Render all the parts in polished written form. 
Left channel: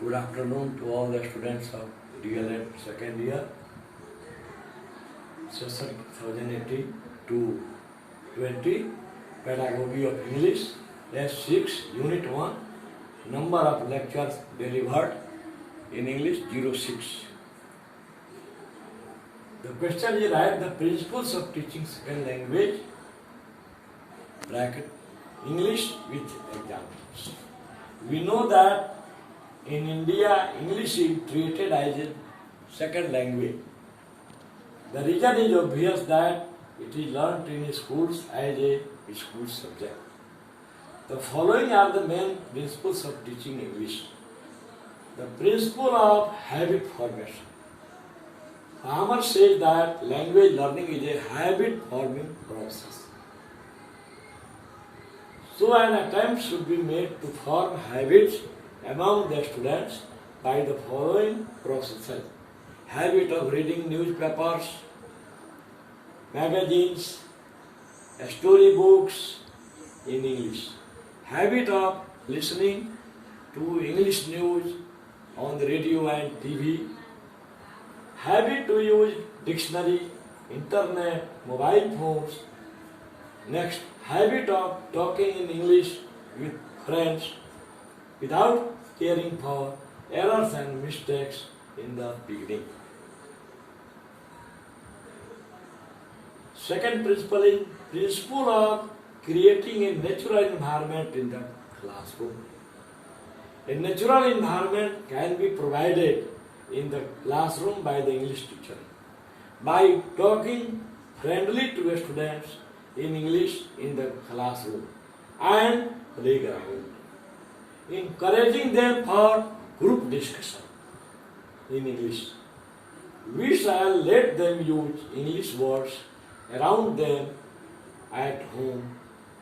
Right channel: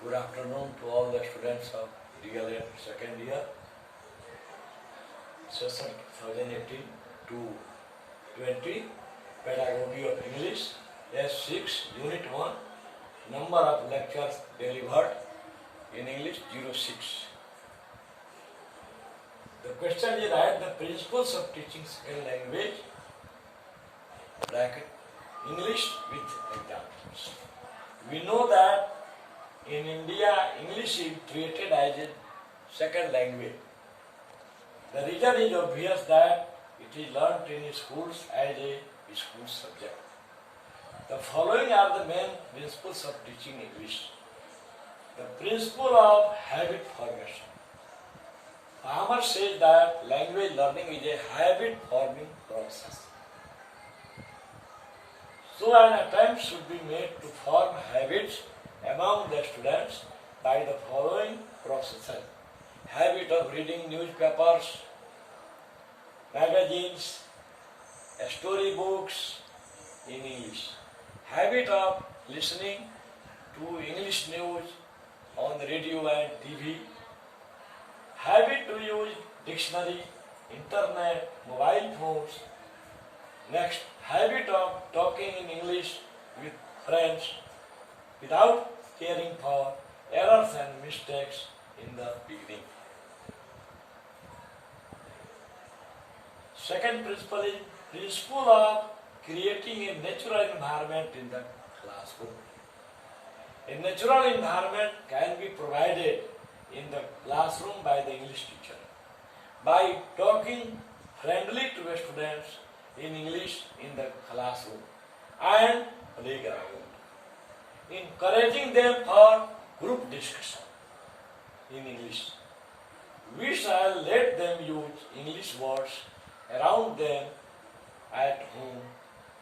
Good afternoon to all the students of DLED second year, session 2018 to 20, Pedagogy of English, S6, Unit 1, number of lectures delivered in English 06. The question is, write the principles of teaching second language, bracket, English with examples. We know that in India, English is treated as a second language. The reason is obvious that it is learnt in schools as a school subject. The following are the main principles of teaching English. The principle of habit formation. Palmer says that language learning is a habit forming process. So an attempt should be made to form habits among the students by the following processes. Habit of reading newspapers, magazines, storybooks in English. Habit of listening to English news on the radio and TV. Habit to use dictionary, internet, mobile phones. Next, habit of talking in English with friends without caring for errors and mistakes in the beginning. Second principle is principle of creating a natural environment in the classroom. A natural environment can be provided in the classroom by the English teacher by talking friendly to the students in English in the classroom and playground, encouraging them for group discussion in English. We shall let them use English words around them at home,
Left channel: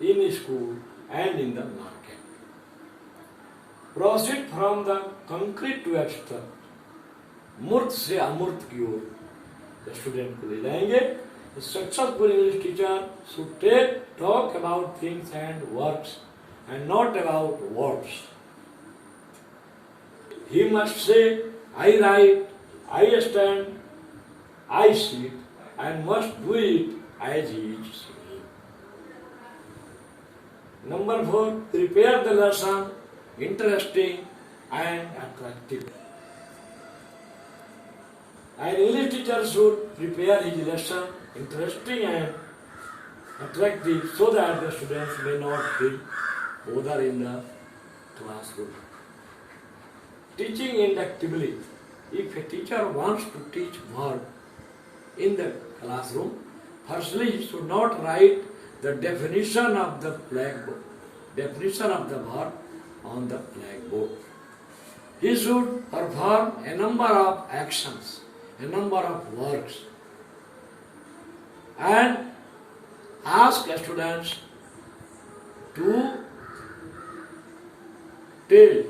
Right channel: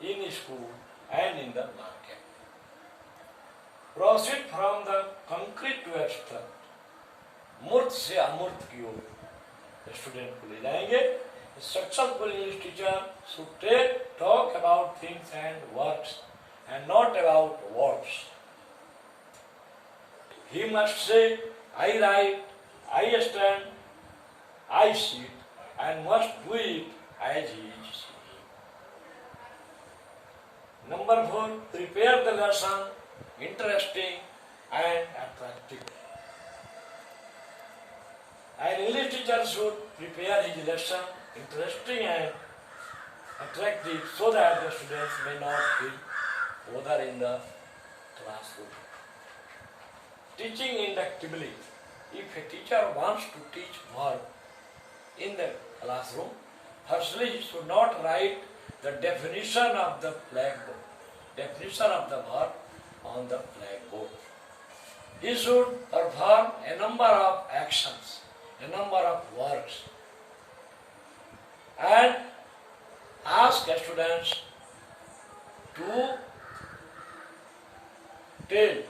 in school and in the market. Proceed from the concrete to abstract. मूर्त से अमूर्त की ओर student को ले जाएंगे. Successful English teacher should talk about things and works and not about words. He must say, I write, I stand, I sit, and must do it as he is saying. Number 4, prepare the lesson interesting and attractive. An English teacher should prepare his lesson interesting and attractive so that the students may not feel bothered in the classroom. Teaching inductively. If a teacher wants to teach verb in the classroom, firstly he should not write the definition of the blackboard, definition of the verb on the blackboard. He should perform a number of actions, a number of works, and ask the students to tell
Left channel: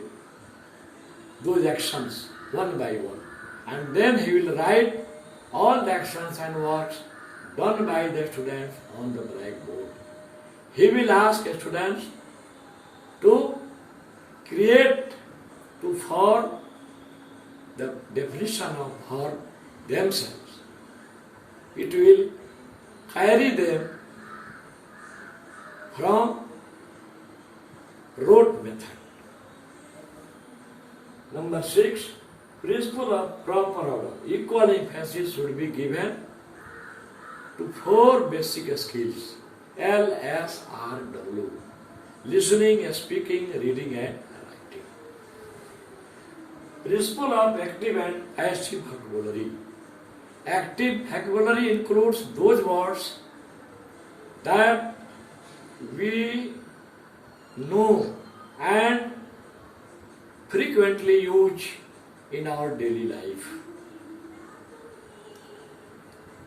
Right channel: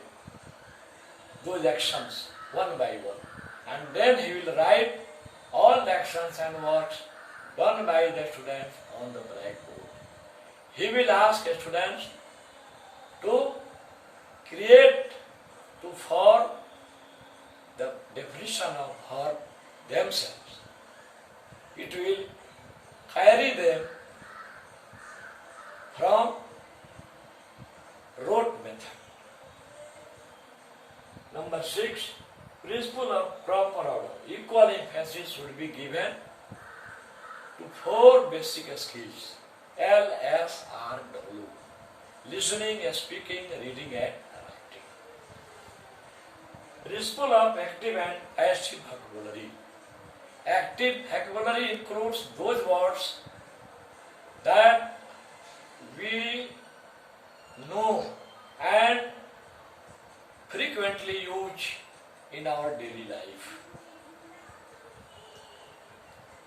those actions one by one, and then he will write all the actions and works done by the students on the blackboard. He will ask the students to form the definition of verb themselves. It will carry them from rote method. Number 6, principle of proper order. Equal emphasis should be given to 4 basic skills, L, S, R, W: listening, speaking, reading and writing. Principle of active and passive vocabulary. Active vocabulary includes those words that we know and frequently use in our daily life.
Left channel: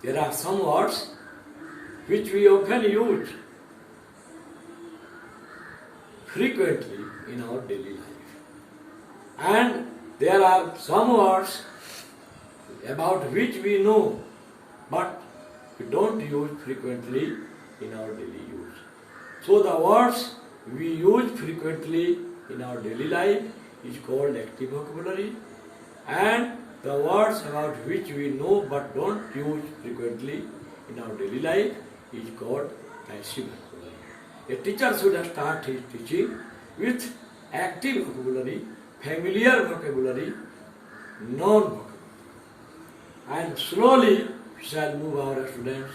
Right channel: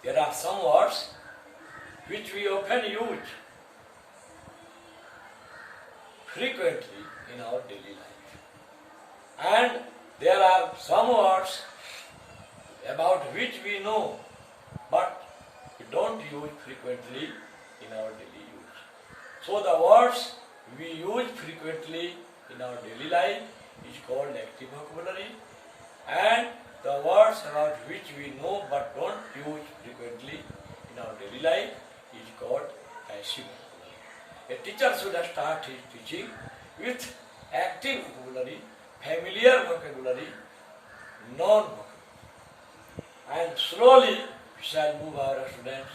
There are some words which we often use frequently in our daily life. And there are some words about which we know, but we don't use frequently in our daily use. So the words we use frequently in our daily life is called active vocabulary, and the words about which we know but don't use frequently in our daily life is called passive vocabulary. A teacher should start his teaching with active vocabulary, familiar vocabulary, non-vocabulary, and slowly we shall move our students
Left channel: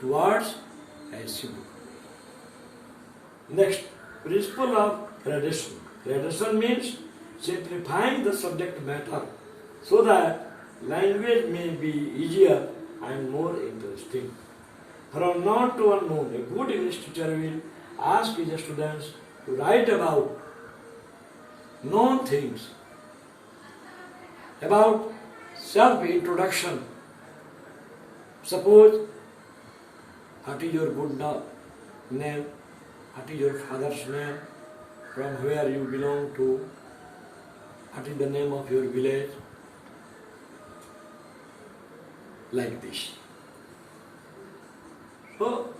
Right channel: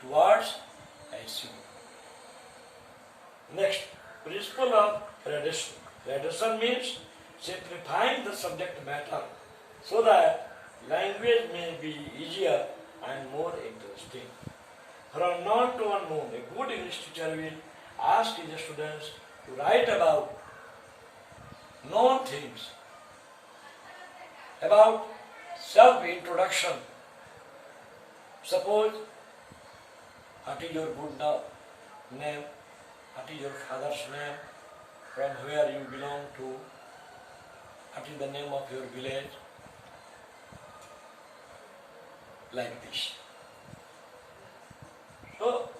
towards passive vocabulary. Next, principle of gradation. Gradation means simplifying the subject matter so that language may be easier and more interesting. From known to unknown, a good English teacher will ask his students to write about known things, about self-introduction. Suppose, what is your good name? What is your father's name? From where you belong to? What is the name of your village? Like this. So,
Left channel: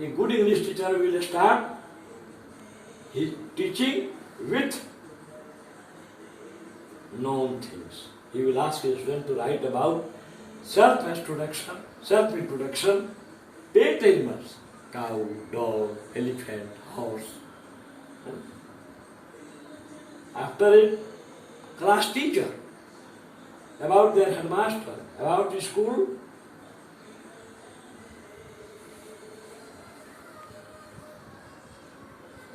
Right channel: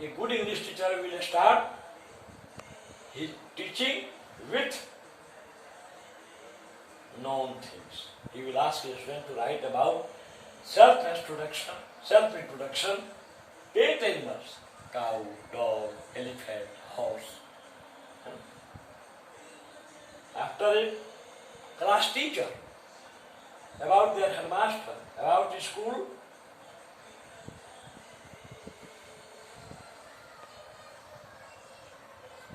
a good English teacher will start his teaching with known things. He will ask his student to write about self-introduction, pet animals, cow, dog, elephant, horse. After it, class teacher, about their headmaster, about the school,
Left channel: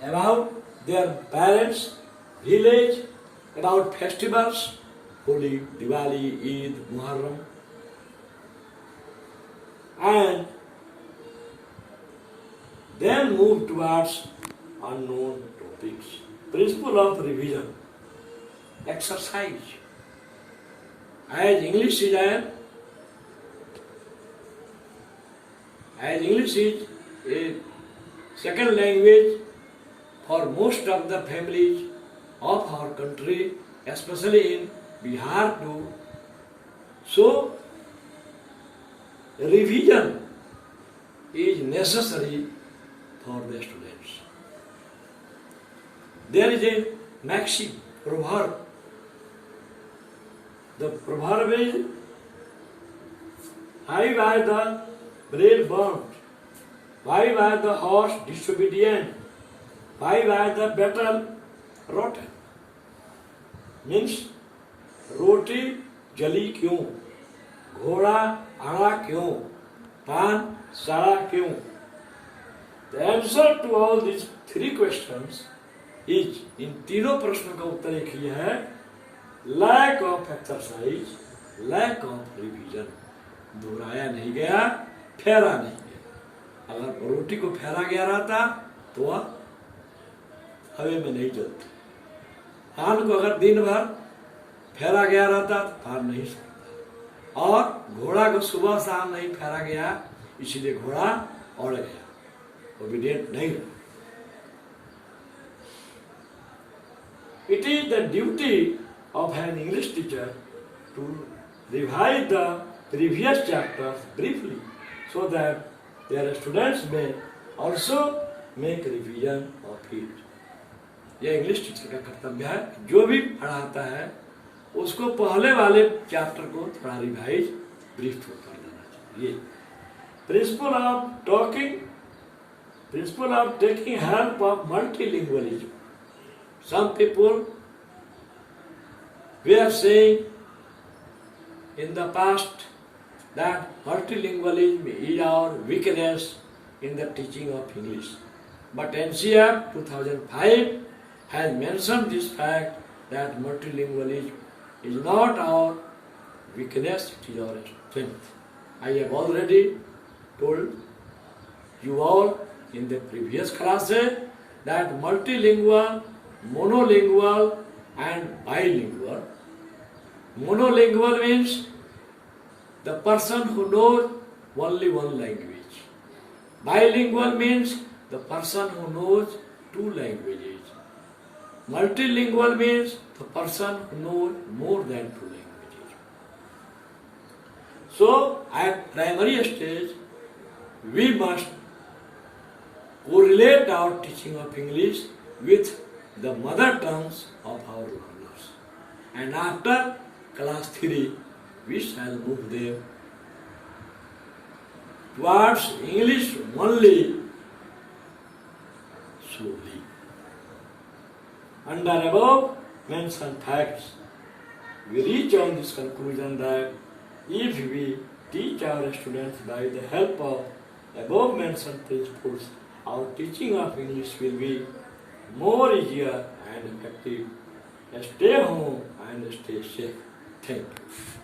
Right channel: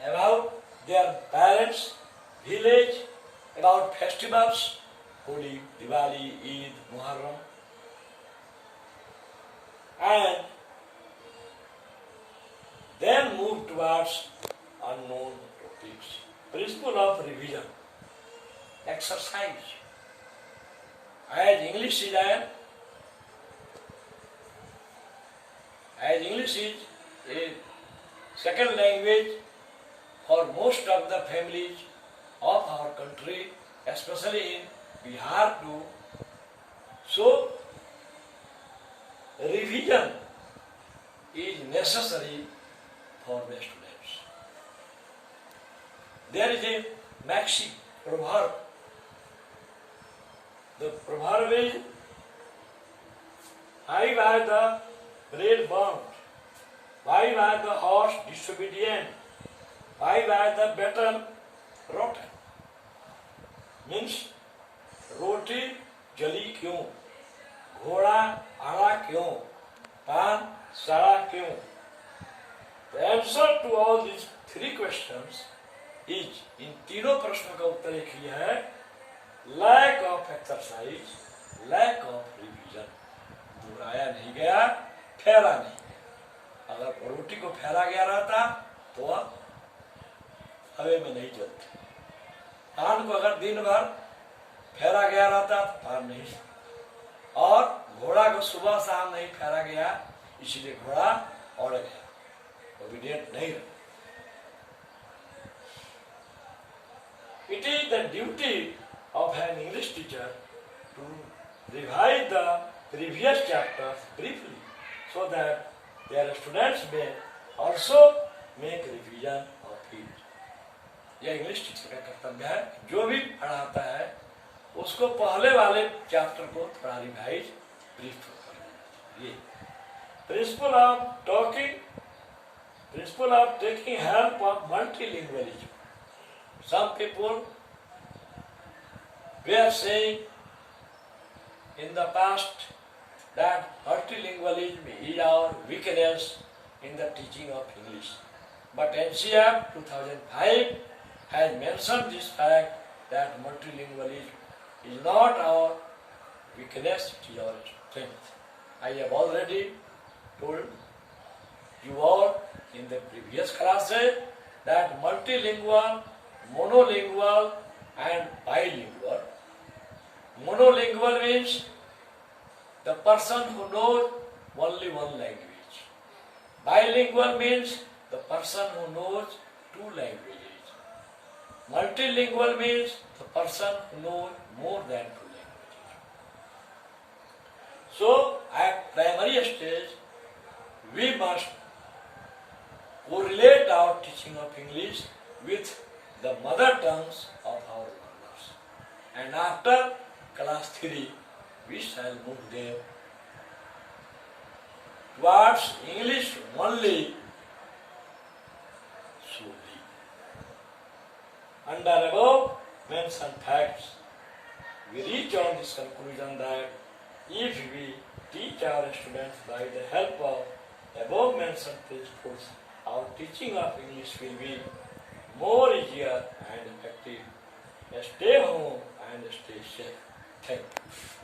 about their parents, village, about festivals, Holi, Diwali, Eid, Muharram, and then move towards unknown topics. Principle of revision, exercise. As English is a second language for most of the families of our country, especially in Bihar too. So, revision is necessary for the students. There is a maxim, proverb. The proverb is, why were the bread burnt? Why were the horse disobedient? Why were the battle rotten? Means, रोटी जली क्यों, घोड़ा आड़ा क्यों, पान सड़ा क्यों? The answer to all these three questions is, इन तीनों प्रश्नों का उत्तर एक ही है, lack of exercise, lack of revision. दोहराया नहीं गया, फेरा नहीं गया. अगर रोटी को फेरा गया रहता तो वह हवे में नहीं जलती. पान को अगर दिन भर फेरा गया रहता तो पान नहीं सकता. और घोड़ा को सुबह शाम नहीं फेरा गया, इसलिए घोड़ा उड़ गया, ओबीडिएंट नहीं रहा. It is the duty of an English teacher to revise the previous chapters briefly so that their students may also make revision of it. यह इंग्लिश टीचर का कर्तव्य है, जो भी पढ़ाता है उसको पहले वाले चैप्टर को थोड़ा रिवाइज ब्रीफ कर देना चाहिए. Principle of talking, principle of taking help of multilingualism. Some people were saying in the past that multilingualism is our weakness in the teaching of English. But NCF 2005 has mentioned this fact that multilingualism is not our weakness, it is our strength. I have already told you all in the previous classes that multilingual, monolingual and bilingual. Monolingual means the person who knows only one language. Bilingual means the person who knows two languages. Multilingual means the person who knows more than two languages. So, at primary stage, we must correlate our teaching of English with the mother tongues of our learners. and after class 3 we shall move there towards English only solely. Under above mentioned facts, we reach on this conclusion that if we teach our students by the help of above mentioned principles, our teaching of English will be more easier and effective. Stay home and stay safe. Thank you.